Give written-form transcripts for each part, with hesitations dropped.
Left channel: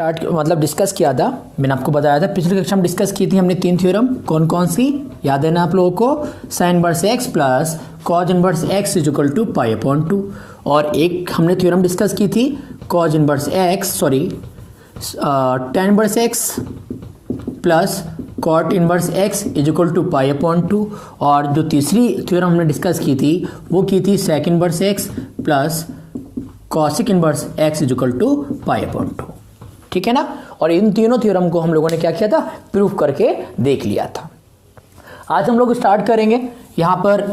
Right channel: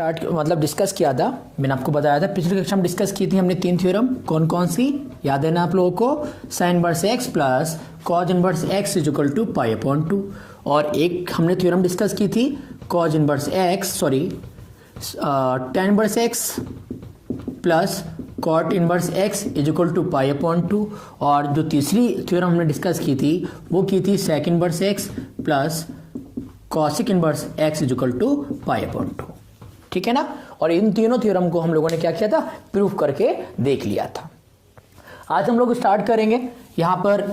Start मतलब discuss किया था, मैंने आपको बताया था पिछली कक्षा में डिस्कस की थी हमने 3 थ्योरम। कौन कौन सी याद है ना आप लोगों को? Sine inverse x plus cos inverse x is equal to pi upon 2। और एक हमने थ्योरम डिस्कस की थी cos inverse x tan inverse x plus cot inverse x is equal to pi upon 2। और जो तीसरी थ्योरम हमने डिस्कस की थी वो की थी sec inverse x plus cosec inverse x is equal to pi upon 2। ठीक है ना? और इन तीनों थ्योरम को हम लोगों ने क्या किया था? प्रूफ करके देख लिया था। आज हम लोग स्टार्ट करेंगे। यहाँ पर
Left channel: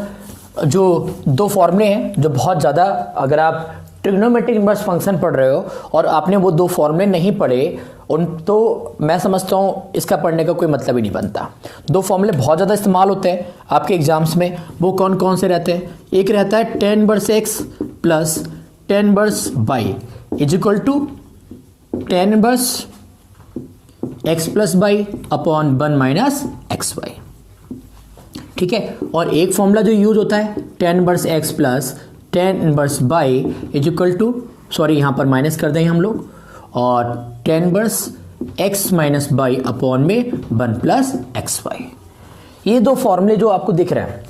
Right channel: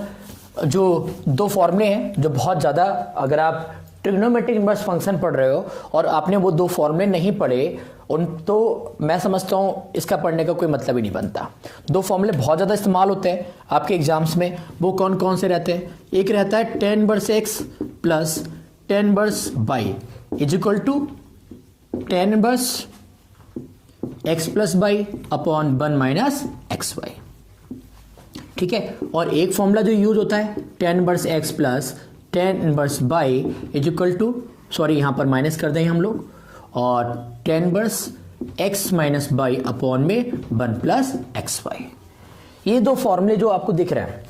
जो दो फॉर्मूले हैं जो बहुत ज़्यादा, अगर आप ट्रिग्नोमेट्रिक इनवर्स फंक्शन पढ़ रहे हो और आपने वो दो फॉर्मूले नहीं पढ़े उन, तो मैं समझता हूँ इसका पढ़ने का कोई मतलब ही नहीं बनता। दो फॉर्मूले बहुत ज़्यादा इस्तेमाल होते हैं आपके एग्जाम्स में। वो कौन कौन से रहते हैं? एक रहता है tan inverse x plus tan inverse y is equal to tan inverse x plus y upon 1 minus x y. ठीक है? और एक फॉर्मूला जो यूज होता है tan inverse x plus tan inverse y is equal to, sorry यहाँ पर minus कर देंगे हम लोग, और tan inverse x minus y upon में 1 प्लस एक्स वाई। ये दो फॉर्मूले जो आपको दिख रहे हैं,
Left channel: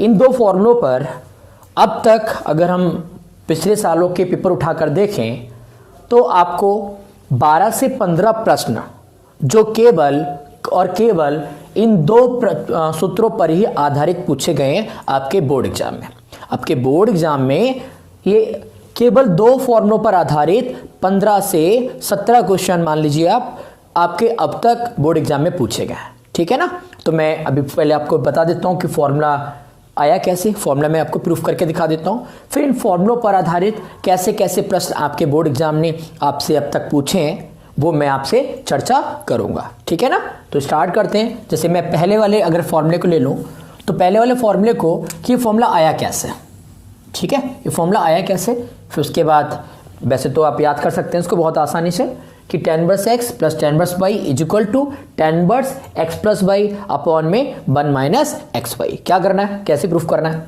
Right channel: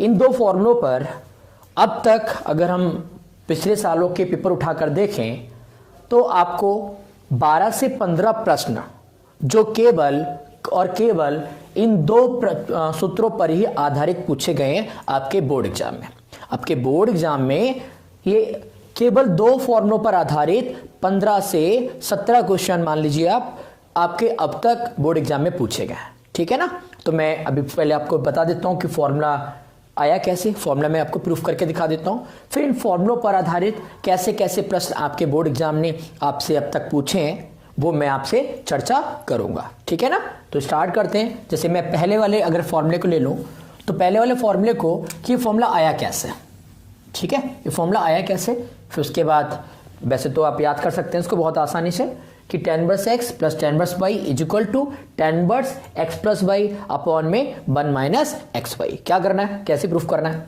इन दो फॉर्मूलों पर अब तक अगर हम पिछले सालों के पेपर उठाकर देखें तो आपको 12 से 15 प्रश्न जो केवल और केवल इन दो सूत्रों पर ही आधारित पूछे गए हैं आपके बोर्ड एग्जाम में। आपके बोर्ड एग्जाम में ये केवल दो फॉर्मूलों पर आधारित 15 से 17 क्वेश्चन मान लीजिए आप आपके अब तक बोर्ड एग्जाम में पूछे गए हैं। ठीक है ना? तो मैं अभी पहले आपको बता देता हूं कि फॉर्मूला आया कैसे। फॉर्मूला मैं आपको प्रूफ करके दिखा देता हूं, फिर इन फॉर्मूलों पर आधारित कैसे कैसे प्रश्न आपके बोर्ड एग्जाम ने आपसे अब तक पूछे हैं वो मैं आपसे चर्चा करूंगा। ठीक है ना? तो स्टार्ट करते हैं। जैसे मैं पहले वाले अगर फॉर्मूले को ले लूं तो पहले वाले फॉर्मूले को कि ये फॉर्मूला आया कैसे। ठीक है? ये फॉर्मूला आया कैसे, फिर उसके बाद वैसे तो आप याद कर सकते हैं इसको बहुत आसानी से कि tan inverse x plus tan inverse y is equal to tan inverse x plus y upon में 1 माइनस एक्स वाई। क्या करना है? कैसे प्रूफ करना है?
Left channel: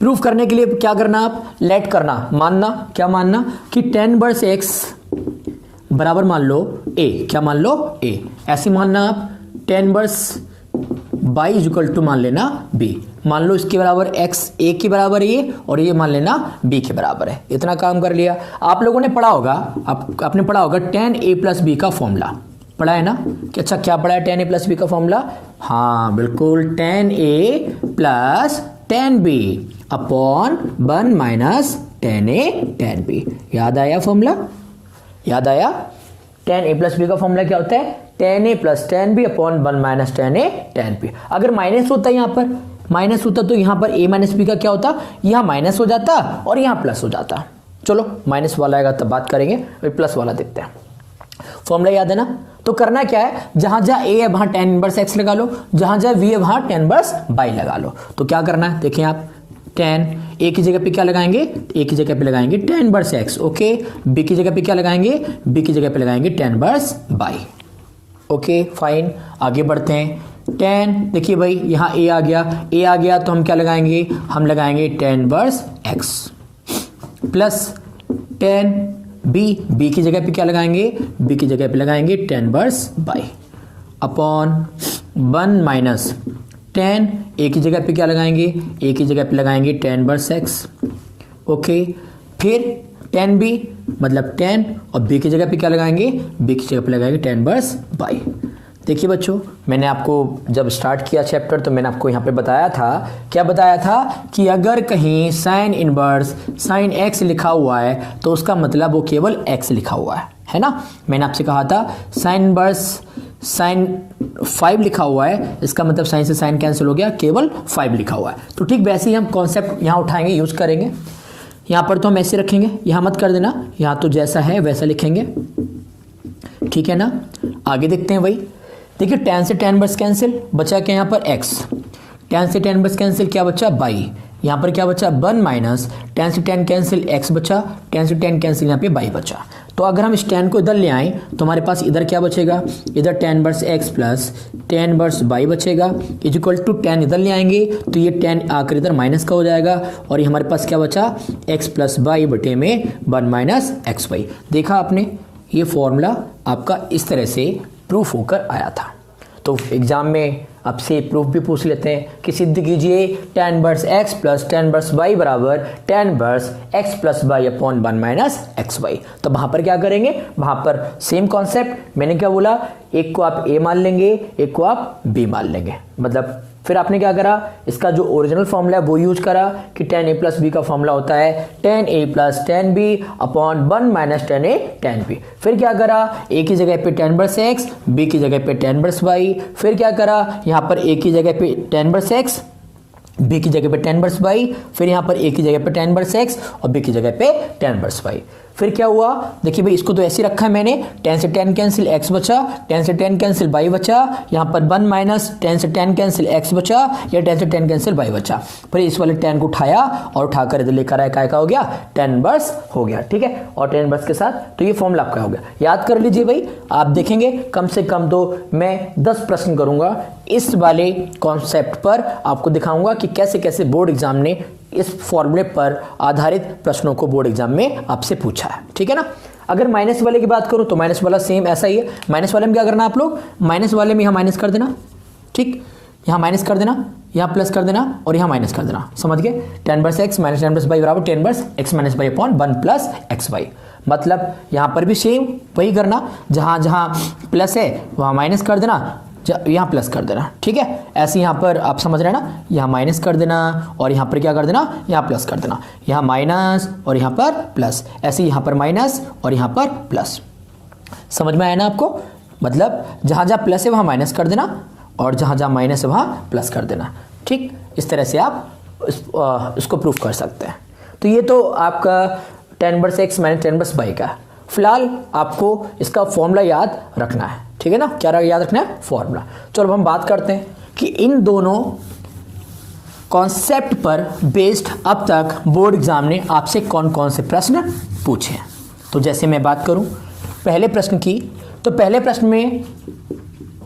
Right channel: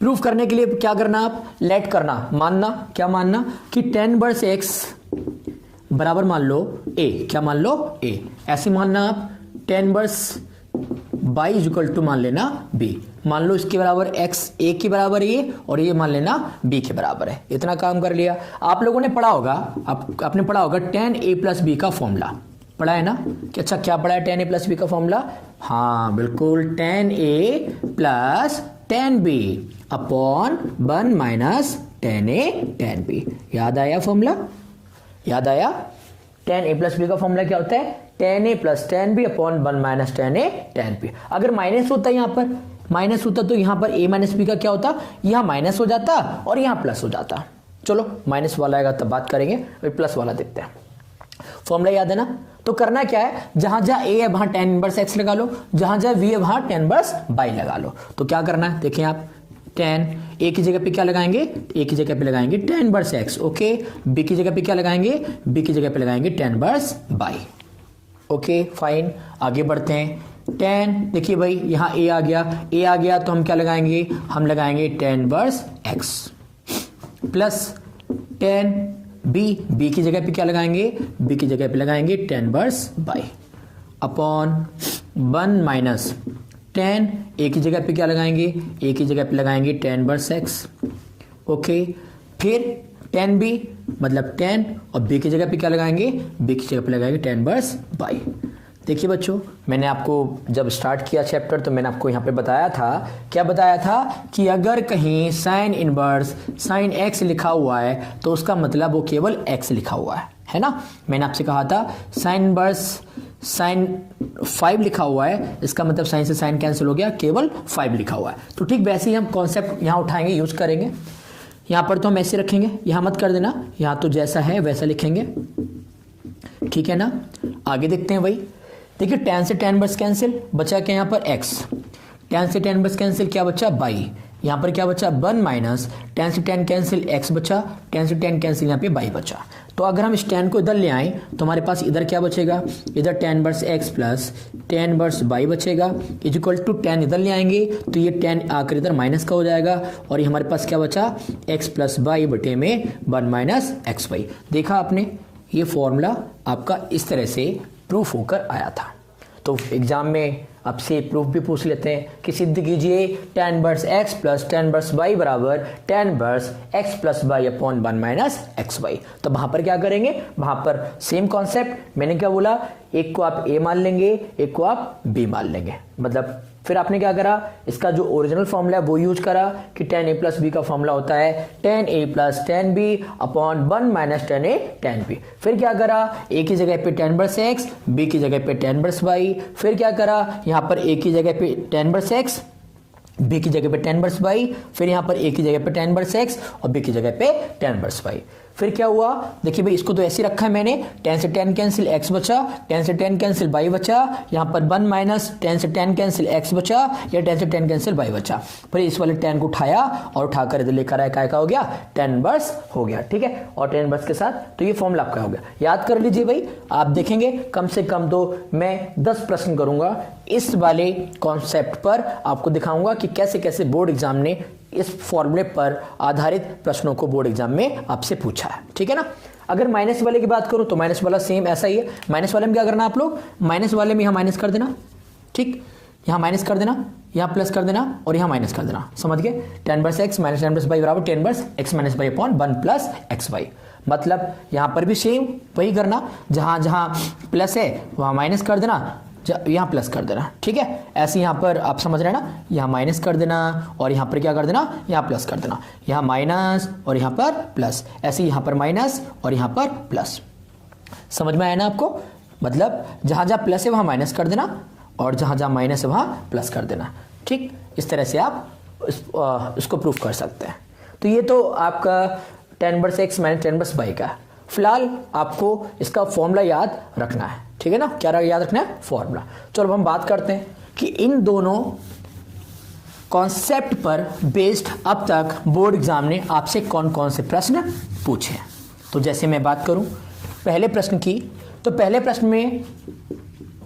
प्रूफ करने के लिए क्या करना? आप लेट करना, मानना। क्या मानना? कि टेन इनवर्स एक्स बराबर मान लो ए। क्या मान लो? ए। ऐसे मानना आप tan inverse y is equal to मान लेना बी। मान लो इसके बराबर एक्स ए के बराबर है ये, और ये मान लेना बी के बराबर है। इतना काम कर लिया। आप लोगों ने पढ़ा होगा, आपने पढ़ा होगा टेन ए प्लस बी का फॉर्मूला पढ़ा है ना? कि अच्छा क्या पढ़ा है टेन ए प्लस बी का फॉर्मूला? हाँ बिल्कुल, tan A plus tan B upon 1 minus tan A tan B. याद आया फॉर्मूला? याद आया? टेन ए प्लस बी का फॉर्मूला क्या होता है? Tan A plus tan B upon 1 minus tan A tan B. अगर माइनस होता है, यहाँ पर माइनस होता तो यहाँ पर ए माइनस बी का क्या होता? यहाँ माइनस हो जाता और यहाँ प्लस हो जाता। चलो माइनस वाला आएगा तब बात करेंगे, अभी प्लस वाला देखते हैं। फॉर्मूला याद है ना? तो करना क्या है, जहां जहां ए है वहां टेन इनवर्स एक्स लगा लो, जहां जहां वी है वहां टेन इनवर्स बाई लगा लो। तो क्या करना है देखिए आप, टेन ए की जगह पे क्या लगाएंगे? ए की जगह पे लगाएंगे tan inverse x. Okay, B की जगह पे क्या लगाएंगे? बी की जगह पे लगाएंगे tan inverse by. Okay fine, आगे बढ़ते हैं। टेन, देखिए भाई यहाँ ए आ गया तो हम क्या लगाएंगे? हम लगाएंगे tan inverse x plus tan B की जगह पे क्या लगाएंगे? बी की जगह पे लगाएंगे tan inverse by upon 1 minus tan A की जगह पे क्या लगाएंगे? ए की जगह पे लगाएंगे टेन इनवर्स एक्स। ओके, फिर टेन बी मतलब टेन, और बी की जगह पे क्या लगाएंगे? बी की जगह पे लगाएंगे टेन इनवर्स बाई। देखिए बच्चों, मैंने आपको जब स्टार्ट किया चैप्टर तो मैंने आपको यहाँ पे बताया था, क्या बताया था? कि अगर कहीं साइन इनवर्स साइन एक्स लिखा हुआ है तो उसका मतलब वो केवल एक्स लिखा हुआ है ना? मैंने आपसे कहा था साइन इनवर्स साइन 5 लिखा हुआ है, इसका मतलब साइन से साइन कैंसिल हो गया, केवल 5 लिखा हुआ है। तो ठीक वैसे ही हम कॉन्सेप्ट यहाँ उठाएंगे, यूज करेंगे। यहाँ पर तो हम ऐसे रखेंगे, यहाँ मत कर देना, यहाँ तो जैसा है वैसा लिखेंगे। ठीक है ना? आगे देखते हैं भाई। देखिए टेन से टेन इनवर्स कैंसिल, बचा क्या यहाँ पर एक्स। टेन से टेन इनवर्स कैंसिल, क्या बचा? बाई। यहाँ पर क्या बचा? 1 माइनस टेन से टेन कैंसिल एक्स बचा, टेन से टेन कैंसिल यहाँ पे बाई बचा। तो अगर हम इस टेन को इधर ले आए तो हमारे पास इधर क्या बचेगा? इधर ten inverse x plus tan inverse by बचेगा इज इक्वल टू टेन इधर ले आएंगे तो ये टेन आकर इधर माइनस का हो जाएगा, और ये हमारे पास क्या बचा? एक्स प्लस बाई बटे में 1 माइनस एक्स वाई। देखा आपने ये फॉर्मूला आपका इस तरह से प्रूफ होकर आया था। तो एग्जाम में आपसे प्रूफ भी पूछ लेते हैं कि सिद्ध कीजिए tan inverse x plus tan inverse y बराबर tan inverse x plus y upon 1 minus x y. तो वहां पर क्या करेंगे, वहां पर सेम कॉन्सेप्ट, मैंने क्या बोला, एक को आप a मान लेंगे, एक को आप b मान लेंगे। मतलब फिर आपने क्या करा, इसका जो ओरिजिनल फॉर्मूला है वो यूज करा कि tan a प्लस बी का फॉर्मूला होता है tan a plus tan b upon 1 minus tan a tan b। फिर क्या करा, a की जगह पे tan इनवर्स x, b की जगह पे tan इनवर्स y। फिर क्या करा, यहाँ पर a की जगह पे tan इनवर्स x, b की जगह पे tan इनवर्स y। फिर यहाँ पर a की जगह पे tan इनवर्स x और b की जगह पे tan इनवर्स y। फिर क्या हुआ, देखिए भाई इसको तो ऐसे रखा है मैंने, tan से tan कैंसिल x बचा, tan से tan कैंसिल y बचा, यहाँ पर 1 माइनस tan से tan कैंसिल x बचा, या tan से tan कैंसिल y बचा। फिर इस वाले tan को उठाया और उठाकर इधर लेकर आया, क्या हो गया, tan इनवर्स हो गया। ठीक है, और tan इनवर्स के साथ तो ये फॉर्मूला आपका हो गया। याद कर लीजिए भाई, आप देखेंगे कम से कम तो मैं 10 प्रश्न करूंगा इस वाले कॉन्सेप्ट पर, आपको दिखाऊंगा कि कैसे कैसे बोर्ड एग्जाम ने इस फॉर्मूले पर आधारित प्रश्नों को बोर्ड एग्जाम में आपसे पूछा है। ठीक है ना। अगर माइनस वाले की बात करूं तो माइनस वाला सेम ऐसा ही है। माइनस वाले में क्या करना, आप लोग माइनस वाले में यहां माइनस कर देना, ठीक, यहां माइनस कर देना, यहां प्लस कर देना और यहां माइनस कर देना। समझ गए, tan inverse x minus tan inverse y बराबर tan inverse x minus y upon 1 plus x y. मतलब यहां पर भी सेम वही करना, जहां जहां प्लस है वहां माइनस कर देना, यहां प्लस कर देना। ठीक है, ऐसे यहां पर आप समझ रहे हैं ना, यहां माइनस कर देना और यहां पर क्या कर देना, यहां प्लस कर देना, यहां माइनस और यहां पर प्लस, ऐसे यहां पर माइनस और यहां पर प्लस। समझ में आया ना आपको। मतलब जहां जहां प्लस है वहां माइनस कर देना और जहां जहां माइनस है वहां प्लस कर देना। ठीक, इस तरह से आप इसको प्रूफ कर सकते हैं। तो ये तो आपका tan inverse x minus tan inverse y का। फिलहाल आपको इसका फॉर्मूला याद रखना है। ठीक है ना, क्या याद रखना है, फॉर्मूला। चलो हम बात करते हैं कि इन दोनों कॉन्सेप्ट पर बेस्ड अब तक बोर्ड एग्जाम ने आपसे कौन कौन से प्रश्न पूछे हैं। तो जैसे मैं बात करूं पहले प्रश्न की, तो पहले प्रश्न में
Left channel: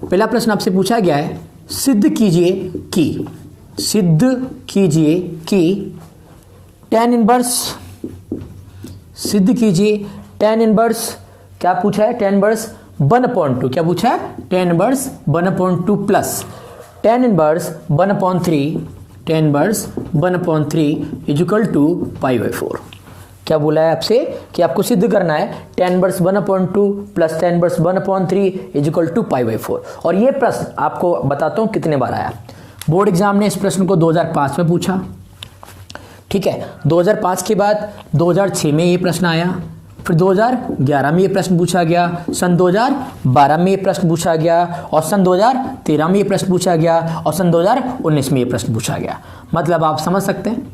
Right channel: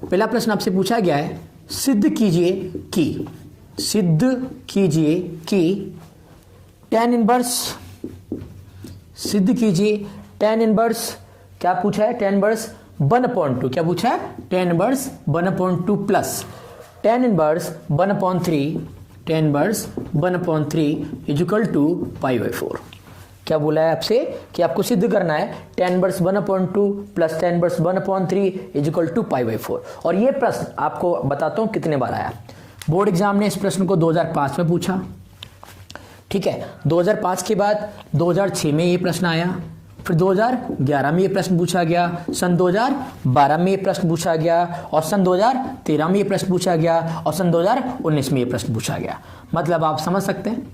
पहला प्रश्न आपसे पूछा गया है, सिद्ध कीजिए कि tan इनवर्स, सिद्ध कीजिए tan इनवर्स, क्या पूछा है, tan इनवर्स 1/2, क्या पूछा है, tan inverse 1/2 plus tan inverse 1/3, tan inverse 1/3 equal to π/4। क्या बोला है आपसे कि आपको सिद्ध करना है tan inverse 1/2 plus tan inverse 1/3 equal to π/4। और ये प्रश्न आपको बताता हूं कितने बार आया। बोर्ड एग्जाम ने इस प्रश्न को 2005 में पूछा। ठीक है, 2005 के बाद 2006 में ये प्रश्न आया, फिर 2011 में ये प्रश्न पूछा गया, सन 2012 में ये प्रश्न पूछा गया और सन 2013 में ये प्रश्न पूछा गया और सन 2019 में ये प्रश्न पूछा गया। मतलब आप समझ सकते हैं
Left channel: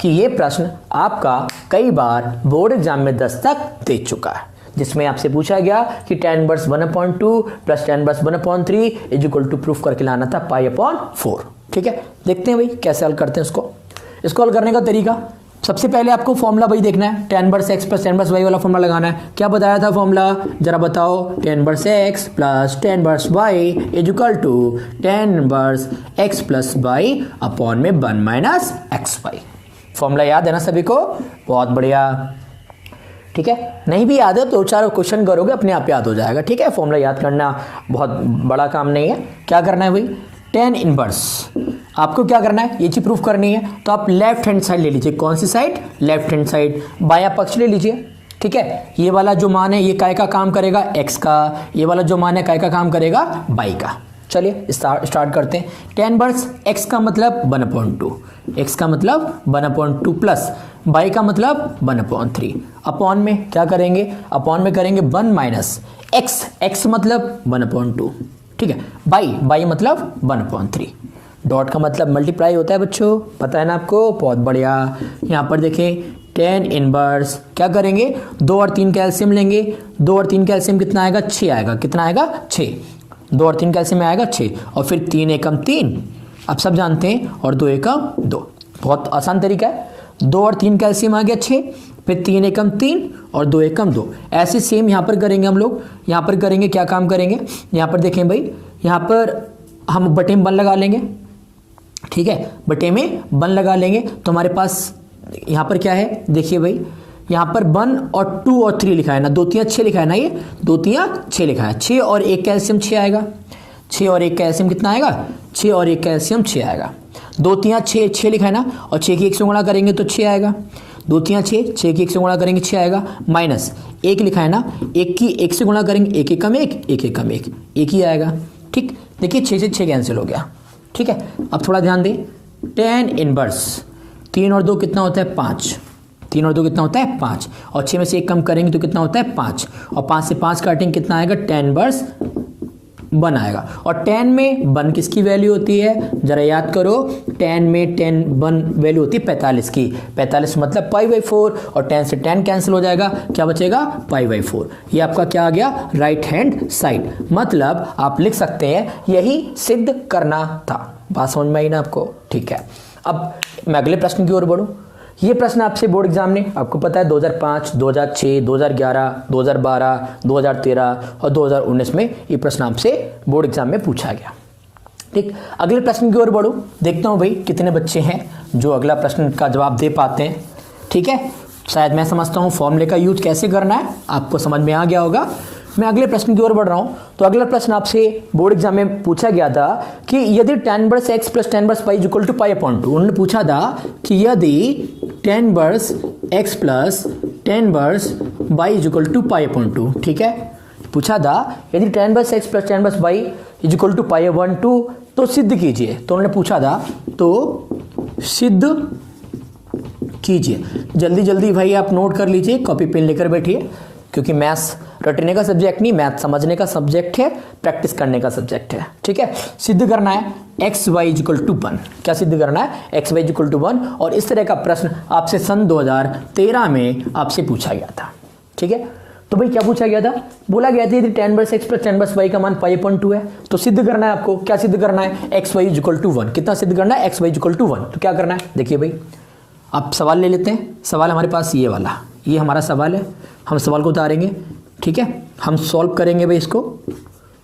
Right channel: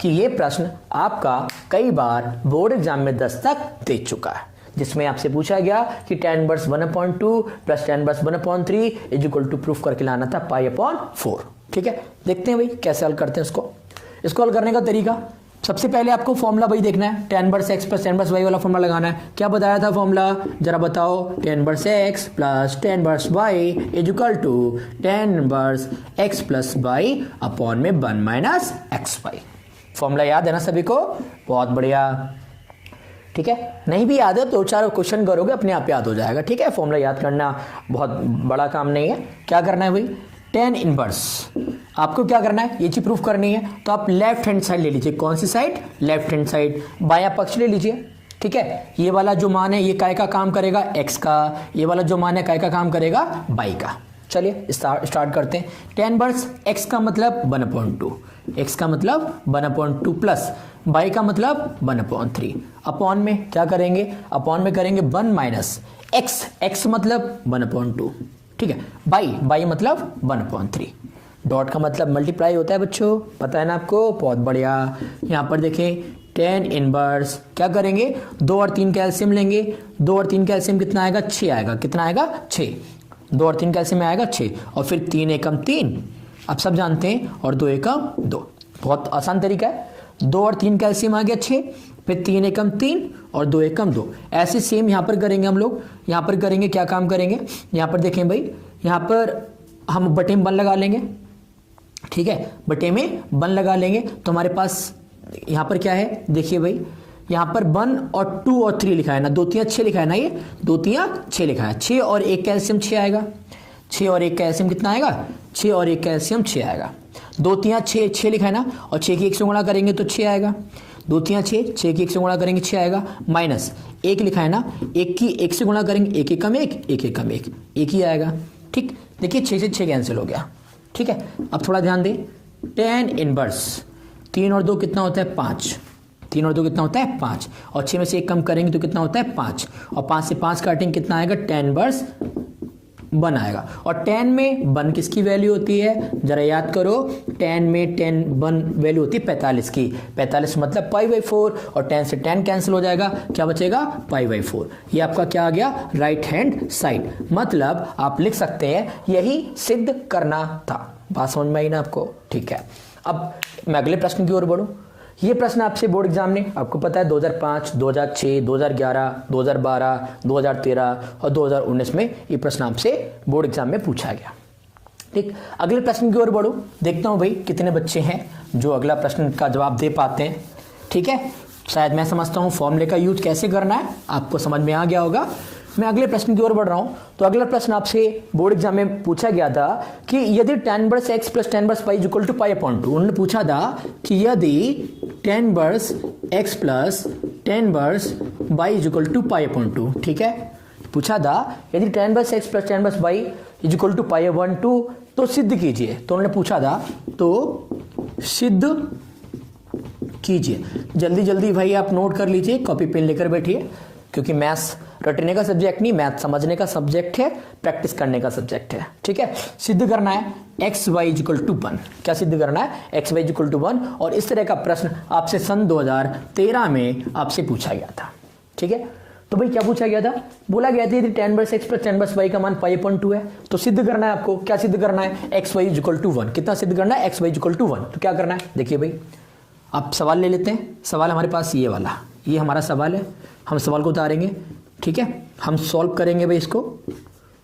कि ये प्रश्न आपका कई बार बोर्ड एग्जाम में दस्तक दे चुका है, जिसमें आपसे पूछा गया कि tan inverse 1/2 plus tan inverse 1/3 equal to proof करके लाना था π/4। ठीक है, देखते हैं भाई कैसे हल करते हैं इसको। इसको हल करने का तरीका, सबसे पहले आपको फॉर्मूला वही देखना है, tan inverse x plus tan inverse y वाला फॉर्मूला लगाना है। क्या बताया था फॉर्मूला, जरा बताओ, tan inverse x plus tan inverse y equal to tan inverse x plus y upon में 1 माइनस एक्स वाई। फॉर्मूला याद है ना सभी को, बहुत बढ़िया। ठीक है, नहीं भी याद है तो 4 क्वेश्चन करोगे अपने आप याद हो जाएगा। ठीक है, फॉर्मूला याद करना बहुत बड़ा काम नहीं है। क्या करना है भाई, tan इनवर्स आपको क्या करना है, ये चीज प्रूफ करनी है, तो आप लेफ्ट हैंड साइड ले लीजिए। कौन सी साइड, लेफ्ट हैंड साइड, बायां पक्ष ले लीजिए। ठीक है, ये वाला जो मान है ये काय का काम करेगा, x का, ये वाला जो मान है काय का काम करेगा, y का। चलिए स्टार्ट करते हैं। tan इनवर्स x का मतलब 1/2, x का मतलब 1/2 प्लस y का मतलब 1/3, अपॉन में क्या करेंगे, अपॉन में करेंगे 1 माइनस x मतलब 1/2। ठीक है, बाई मतलब 1/3, डॉट का मतलब मल्टीप्लाई होता है बच्चों, पता है ना आपको, बहुत बढ़िया। यहाँ पर देखें tan इनवर्स क्या करेंगे, 2 और 3 का एलसीएम लेंगे, 2 और 3 का एलसीएम कितना आएगा, 6 आएगा। कितना आएगा, 6, 2 और 3 का एलसीएम आएगा 6, और फिर 3 एकम 3, आप सब जानते हैं, और 2 एकम 2, बहुत आसान तरीका है। 2 और 3 का एलसीएम आ गया 6, फिर 3 एकम 3 और 2 एकम 2। ऐसे सेम यहाँ पर करेंगे हम लोग, यहाँ पर करेंगे, क्या काम करेंगे, यहाँ पर देखें भाई, यहाँ पर हम बटे में 1 लगा लेंगे। ठीक है, बटे में 1 लगा लेंगे तो हमारे पास यहाँ पर क्या है, देखिए भाई, यहाँ पर 1 और 2 और 3 लिखा है ना, 2 3 6 लिखा है ना, ये 2 3 6 लिखा है। 6 और 1 का एलसीएम 6 आएगा। 6 और 1 का एलसीएम कितना आएगा? 6 और 1 का एलसीएम 6 आएगा। 2 3 6 6 लिखा है ना, और 6 की 1 से गुणा करेंगे तो 6 आएगा। 2 3 6 6 की 1 से गुणा करेंगे 6 आएगा। माइनस 1 लिखा है ना, 1 की 1 से गुणा करेंगे 1 1 कम 1 1 1 कम 1 1 ही आएगा। ठीक, देखिए 6 से 6 कैंसिल हो गया। ठीक है, अब थोड़ा ध्यान दें, tan इनवर्स 3 और 2 कितना होता है? 5। 3 और 2 कितना होता है? 5। और 6 में से 1 कम करेंगे तो कितना होता है? 5। और 5 से 5 काटेंगे कितना आएगा? tan इनवर्स 1 आएगा। और tan में 1 किसकी वैल्यू होती है? जरा याद करो, tan में 1 वैल्यू होती है 45 की। 45 मतलब π/4, और tan से tan कैंसिल हो जाएगा, क्या बचेगा? π/4। ये आपका क्या आ गया? Right hand side. मतलब आप लिख सकते हैं यही सिद्ध करना था। बात समझ में आई ना आपको? ठीक है, अब मैं अगले प्रश्न की ओर बढ़ूं। ये प्रश्न आपसे बोर्ड एग्जाम ने, आपको पता है 2005, 2006, 2011, 2012, 2013 और 2019 में ये प्रश्न आपसे बोर्ड एग्जाम में पूछा गया। ठीक, अगले प्रश्न की ओर बढ़ो, देखता हूं भाई कितने बच्चे हैं जो अगला प्रश्न का जवाब दे पाते हैं। ठीक है, शायद मैं समझता हूं फॉर्मूले का यूज कैसे करना है आपको समझ में आ गया होगा। मैं अगले प्रश्न की ओर बढ़ रहा हूं। तो अगला प्रश्न आपसे बोर्ड एग्जाम में पूछा गया था कि यदि tan inverse x plus tan inverse y equal to π/2, उन्होंने पूछा था कि यदि tan inverse x plus tan inverse y equal to π/2, ठीक है, पूछा था यदि tan inverse x plus tan inverse y equal to π/2 तो सिद्ध कीजिए। तो उन्होंने पूछा था तो सिद्ध कीजिए। जल्दी जल्दी भाई आप नोट कर लीजिए, कॉपी पेन लेकर बैठिए, क्योंकि मैथ्स रटने का सब्जेक्ट नहीं, मैथ समझने का सब्जेक्ट है, प्रैक्टिस करने का सब्जेक्ट है। ठीक है, सिद्ध करना है एक्स वाई इक्वल टू 1। क्या सिद्ध करना है? X y equal to 1। और इस तरह का प्रश्न आपसे सन 2013 में आपसे पूछा गया था। ठीक है, तो भाई क्या पूछा गया था? बोला गया था यदि tan inverse x plus tan inverse y का मान π/2 है तो सिद्ध करना है आपको। क्या सिद्ध करना है? X y equal to 1। कितना सिद्ध करना है? X y equal to 1। तो क्या करना है? देखिए भाई, आप सवाल ले लेते हैं। सवाल हमारे पास ये वाला, ये हमारा सवाल है। हम सवाल को उतारेंगे, ठीक है, हम सॉल्व करेंगे भाई, इसको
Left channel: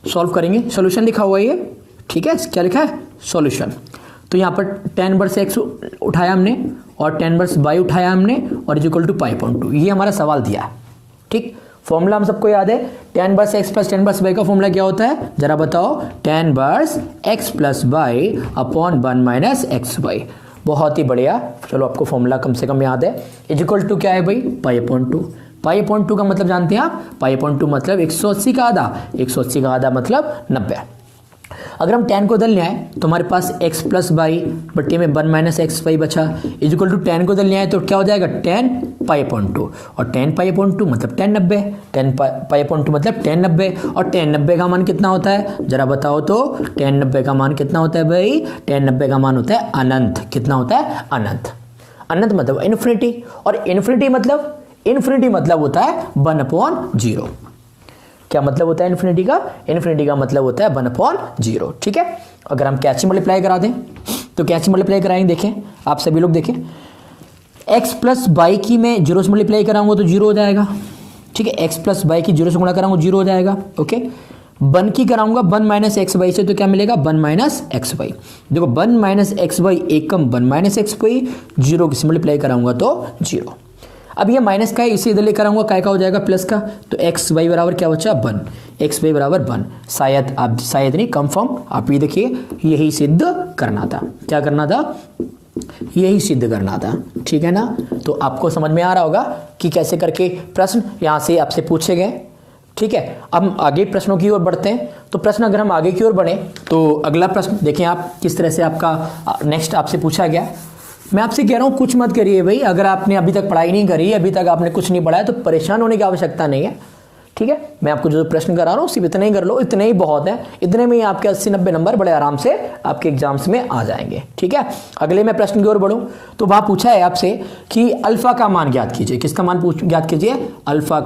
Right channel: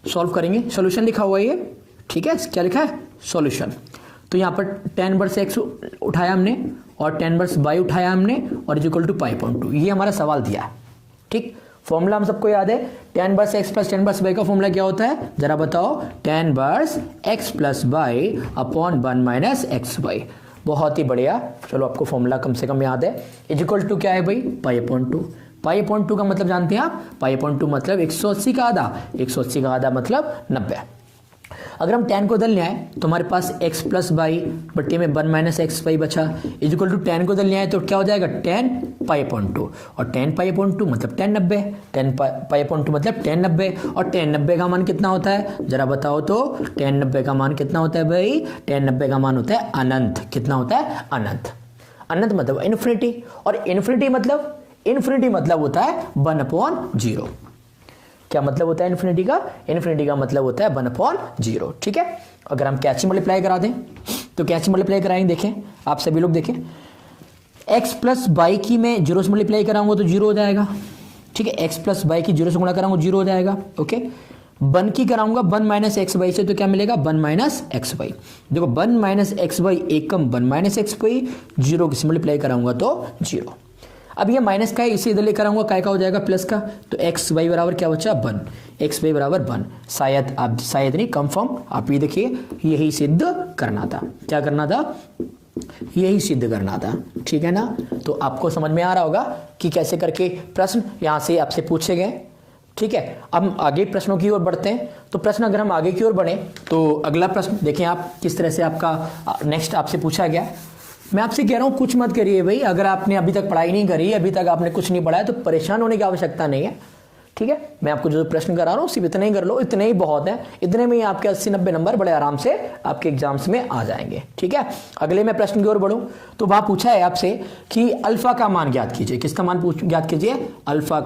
सॉल्व करेंगे। सॉल्यूशन लिखा हुआ है ये, ठीक है, क्या लिखा है? सॉल्यूशन। तो यहाँ पर tan इनवर्स x उठाया हमने और tan इनवर्स y उठाया हमने और इक्वल टू π/2। ये हमारा सवाल दिया है। ठीक, फॉर्मूला हम सबको याद है, tan inverse x plus tan inverse y का फॉर्मूला क्या होता है? जरा बताओ। tan inverse x plus y upon 1 minus xy। बहुत ही बढ़िया, चलो आपको फॉर्मूला कम से कम याद है। इक्वल टू क्या है भाई? π/2। π/2 का मतलब जानते हैं आप? π/2 मतलब 180 का आधा। 180 का आधा मतलब 90। अगर हम tan को बदलने आए तो हमारे पास x प्लस वाई बट्टे में 1 माइनस एक्स वाई बचा। इक्वल टू tan को बदलने आए तो क्या हो जाएगा? tan π/2। और tan π/2 मतलब tan 90। tan π/2 मतलब tan 90। और tan 90 का मान कितना होता है? जरा बताओ तो। tan 90 का मान कितना होता है भाई? tan 90 का मान होता है अनंत। कितना होता है? अनंत। अनंत मतलब इन्फिनिटी। और इन्फिनिटी मतलब होता है 1/0। क्या मतलब होता है इन्फिनिटी का? इन्फिनिटी का मतलब होता है 1/0। ठीक है, अगर हम कैची मल्टीप्लाई करा दें तो कैची मल्टीप्लाई कराएंगे। देखें आप सभी लोग, देखें x प्लस वाई की मैं 0 से मल्टीप्लाई कराऊंगा तो 0 हो जाएगा। ठीक है, x प्लस वाई की 0 से गुणा कराऊंगा 0 हो जाएगा। ओके, 1 की कराऊंगा 1 माइनस एक्स वाई से तो क्या मिलेगा? 1 माइनस एक्स वाई। देखो 1 माइनस एक्स वाई एकम 1 माइनस एक्स वाई, 0 की मल्टीप्लाई कराऊंगा तो 0। अब ये माइनस का है, इसे इधर लेकर आऊंगा, काय का हो जाएगा? प्लस का। तो एक्स वाई बराबर क्या बचा? 1। एक्स वाई बराबर 1। शायद आप, शायद नहीं, कंफर्म आप ये देखिए, यही सिद्ध करना था। क्या करना था? यही सिद्ध करना था। ठीक है ना? तो आपको समझ में आ रहा होगा कि कैसे करके प्रश्न यहां से आपसे पूछे गए। ठीक है, अब आगे प्रश्नों की ओर बढ़ते हैं। तो प्रश्न अगर हम आगे की ओर बढ़े तो अगला प्रश्न देखें आप किस तरह से आपका नेक्स्ट आपसे पूछा गया। मैं आपसे कह रहा हूं कुछ मत करिए भाई। अगर आपने अभी तक पढ़ाई नहीं करी, अभी तक आपने कुछ नहीं पढ़ा है तो परेशान होने की आवश्यकता नहीं है। ठीक है, मैं आपको जो प्रश्न करा रहा हूं सिर्फ इतने ही कर लो, इतने ही बहुत है। इतने में ही आपके 80-90 नंबर बड़े आराम से आपके एग्जाम्स में आ जाएंगे। ठीक है, अगले मैं प्रश्न की ओर बढ़ूं तो वहां पूछा है आपसे कि अल्फा का मान ज्ञात कीजिए। किसका मान ज्ञात कीजिए? अल्फा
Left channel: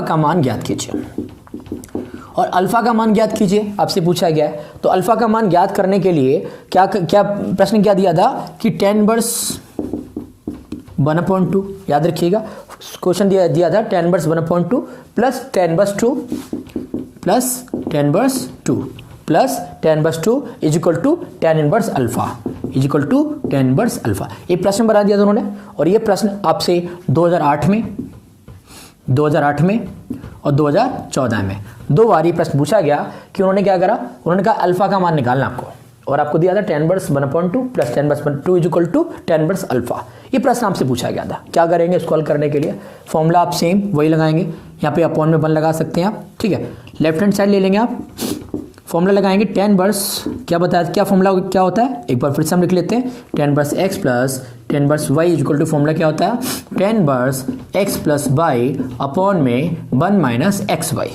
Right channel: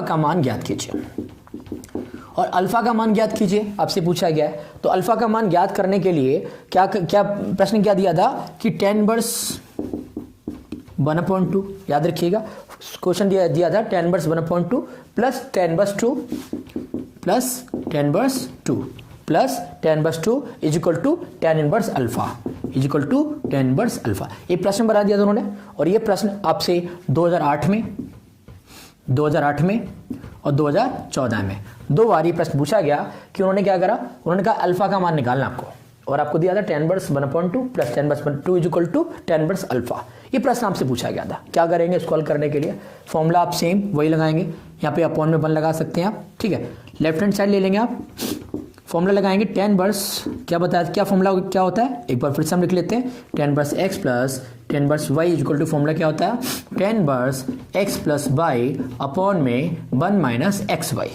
का मान ज्ञात कीजिए। और अल्फा का मान ज्ञात कीजिए आपसे पूछा गया है। तो अल्फा का मान ज्ञात करने के लिए क्या प्रश्न क्या दिया था कि tan इनवर्स 1/2, याद रखिएगा क्वेश्चन दिया था tan inverse 1/2 plus tan inverse 2 plus tan inverse 2। Plus tan inverse 2 is equal to tan inverse alpha is equal to tan inverse alpha. ये प्रश्न बना दिया दोनों ने, और ये प्रश्न आपसे 2008 में और 2014 में 2 बार ये प्रश्न पूछा गया कि उन्होंने क्या करा, उन्होंने कहा अल्फा का मान निकालना आपको, और आपको दिया था tan inverse 1/2 plus tan inverse 2 is equal to tan inverse alpha. ये प्रश्न आपसे पूछा गया था। क्या करेंगे इसको हल करने के लिए, फॉर्मूला आप सेम वही लगाएंगे, यहाँ पे अपॉन में 1 लगा सकते हैं आप, ठीक है। लेफ्ट हैंड साइड ले लेंगे आप, फॉर्मूला लगाएंगे tan इनवर्स, क्या बताया क्या फॉर्मूला क्या होता है, एक बार फिर से हम लिख लेते हैं, tan inverse x plus tan inverse y equal to formula क्या होता है, tan inverse x plus y upon में 1 माइनस एक्स वाई।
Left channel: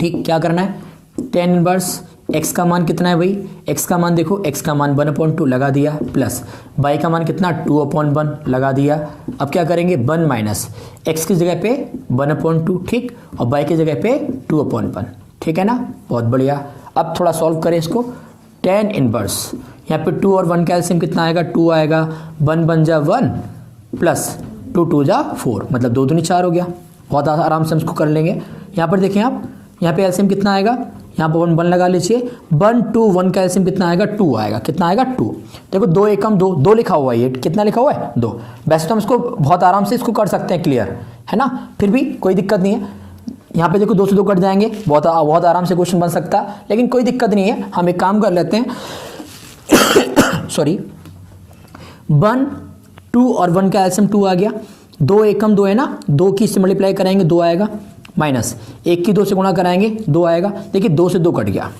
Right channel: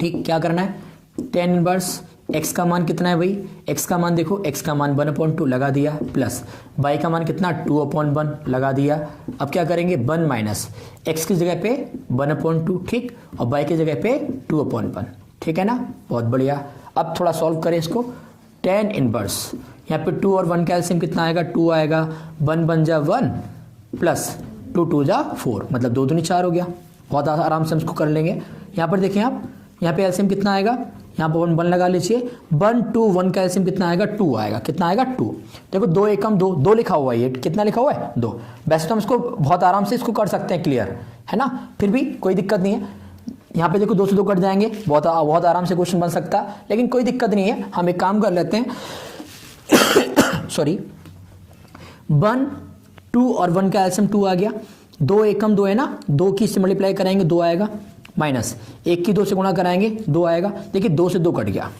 ठीक, क्या करना है, tan इनवर्स x का मान कितना है भाई, x का मान देखो, x का मान 1/2 लगा दिया, प्लस y का मान कितना 2/1 लगा दिया। अब क्या करेंगे, 1 माइनस x की जगह पे 1/2, ठीक, और y की जगह पे 2/1, ठीक है ना, बहुत बढ़िया। अब थोड़ा सॉल्व करें इसको, tan इनवर्स, यहाँ पे 2 और 1 का एलसीएम कितना आएगा, 2 आएगा, 1 बन जा 1 प्लस 2 2 जा 4, मतलब 2 दूनी 4 हो गया। बहुत आराम से हम इसको कर लेंगे। यहाँ पर देखें आप, यहाँ पे एलसीएम कितना आएगा, यहाँ पर 1 लगा लीजिए, 1 2 1 का एलसीएम कितना आएगा, 2 आएगा, कितना आएगा 2। देखो 2 एकम 2, 2 लिखा हुआ है, ये कितना लिखा हुआ है 2। वैसे तो हम इसको बहुत आराम से इसको कर सकते हैं क्लियर, है ना, फिर भी कोई दिक्कत नहीं है। यहाँ पे देखो 2 से 2 कट जाएंगे, बहुत आराम से क्वेश्चन बन सकता है, लेकिन कोई दिक्कत नहीं है। हम एक काम कर लेते हैं सॉरी, 1 2 और 1 का एलसीएम 2 आ गया, 2 एकम 2 है ना, 2 की से मल्टीप्लाई कराएंगे 2 आएगा, माइनस 1 की 2 से गुणा कराएंगे 2 आएगा। देखिए 2 से 2 कट गया,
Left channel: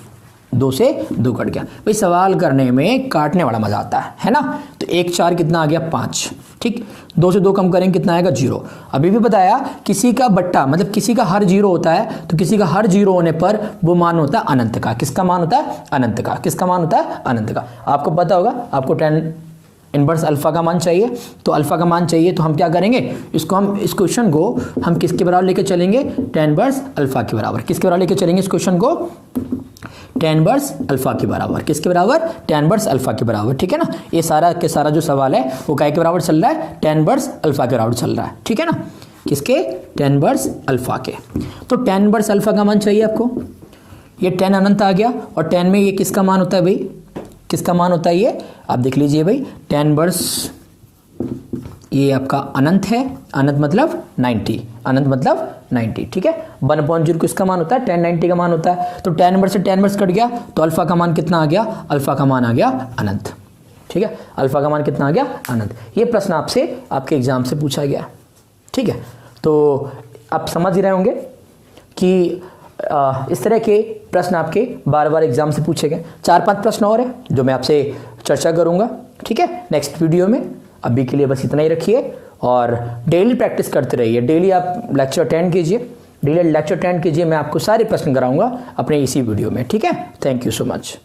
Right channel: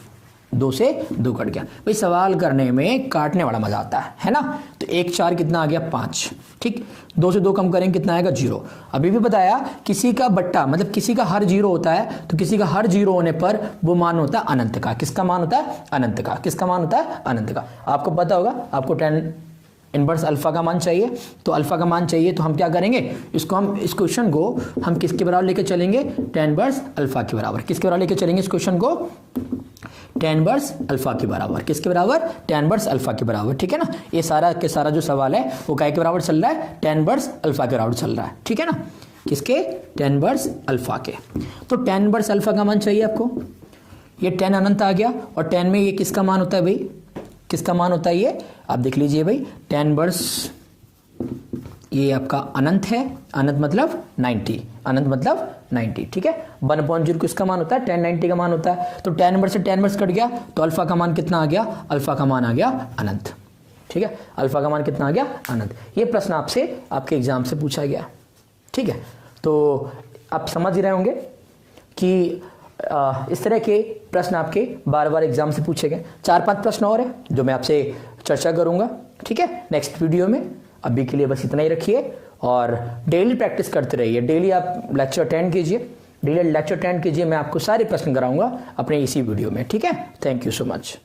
2 से 2 कट गया। भाई सवाल करने में काटने वाला मजा आता है ना। तो 1 4 कितना आ गया 5, ठीक, 2 से 2 कम करेंगे कितना आएगा 0। अभी भी बताया किसी का बट्टा मतलब किसी का हर 0 होता है, तो किसी का हर 0 होने पर वो मान होता है अनंत का। किसका मान होता है, अनंत का। किसका मान होता है, अनंत का। आपको पता होगा, आपको tan इनवर्स अल्फा का मान चाहिए, तो अल्फा का मान चाहिए तो हम क्या करेंगे, इसको हम इस क्वेश्चन को हम किसके बराबर लेके चलेंगे, tan इनवर्स अल्फा के बराबर। किसके बराबर लेके चलेंगे इस क्वेश्चन को, tan इनवर्स अल्फा के बराबर। किसके बराबर, tan इनवर्स अल्फा के बराबर, ठीक है ना। ये सारा के सारा जो सवाल है वो काय के बराबर चल रहा है, tan इनवर्स अल्फा के बराबर चल रहा है, ठीक है ना। किसके, tan इनवर्स अल्फा के। तो tan इनवर्स अल्फा का मान चाहिए आपको, ये tan अनंत आ गया, और tan में ये किसका मान होता है भाई, किसका मान होता है ये, आप देख लीजिए भाई, tan इनवर्स ये आपका अनंत है, अनंत मतलब 90, अनंत मतलब 90, ठीक है। 1/0 किसका मान होता है, tan 90 का मान होता है। तो tan इनवर्स से tan इनवर्स कट गया, तो अल्फा का मान कितना आ गया, अल्फा का मान आ गया अनंत, ठीक है। अल्फा का मान कितना आ गया, अनंत। ये प्रश्न आपसे आपके एग्जाम से पूछा गया, ठीक है। तो आप समझ ही रहे होंगे कि इस तरह के प्रश्न आपके बार बार एग्जाम से पूछे गए। 4-5 प्रश्न और है जो मैं आपसे चर्चा करूंगा, ठीक है, नेक्स्ट वीडियो में। अभी के लिए बस इतना ही रखिए, और डेली प्रैक्टिस करते रहिए। डेली आप लेक्चर अटेंड कीजिए, डेली लेक्चर अटेंड कीजिए। मैं आपको सारे प्रश्न कराऊंगा अपने इसी वीडियो में, ठीक है। Thank you so much.